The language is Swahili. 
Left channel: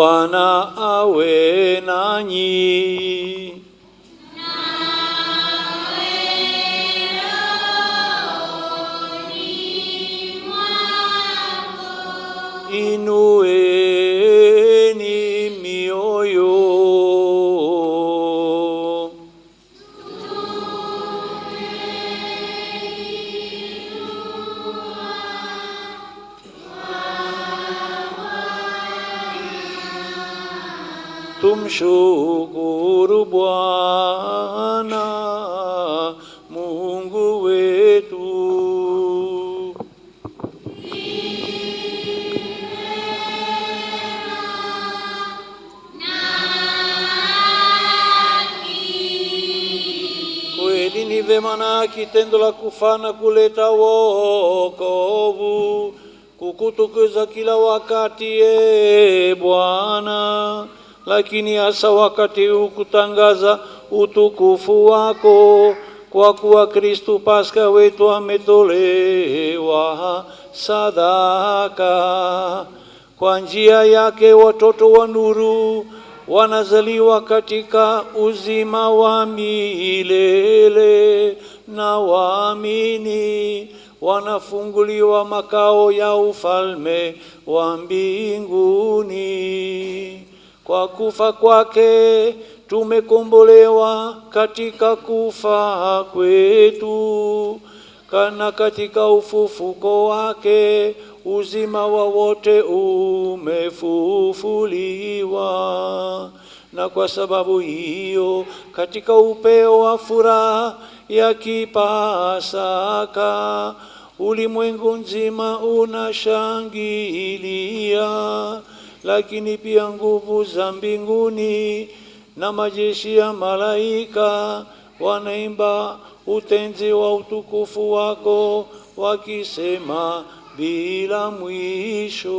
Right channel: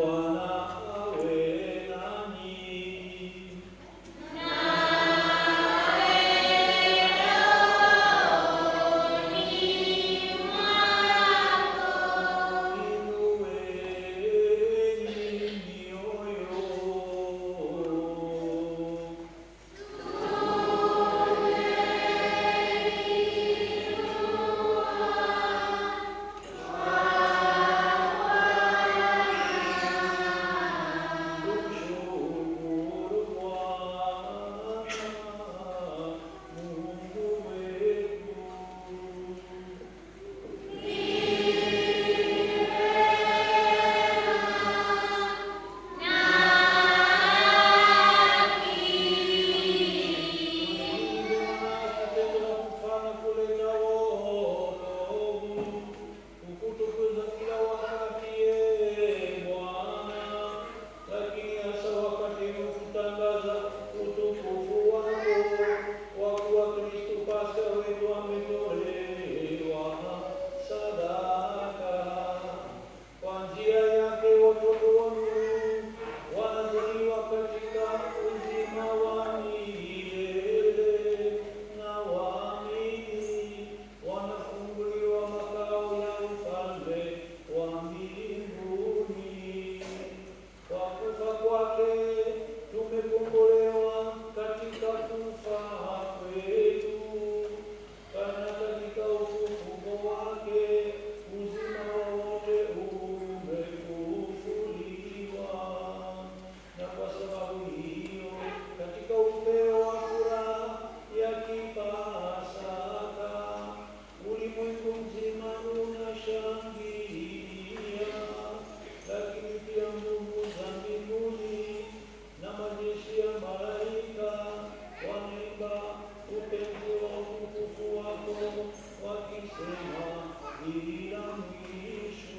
Bwana awe nanyi. Inueni mioyo. Tumshukuru Bwana Mungu wetu. Kweli ni vema na kitendo la kufana kuleta wokovu, kukutukuza kila wakati Bwana, lakini hasa wakati huu kutangaza utukufu wako, kwa kuwa Kristo Pasaka wetu ametolewa sadaka. Kwa njia yake watoto wa nuru wanazaliwa katika uzima wa milele, na waamini wanafunguliwa makao ya ufalme wa mbinguni. Kwa kufa kwake tumekombolewa katika kufa kwetu, kana katika ufufuko wake uzima wa wote umefufuliwa. Na kwa sababu hiyo, katika upeo wa furaha ya kipasaka, ulimwengu nzima unashangilia, lakini pia nguvu za mbinguni na majeshi ya malaika wanaimba utenzi wa utukufu wako, wakisema bila mwisho.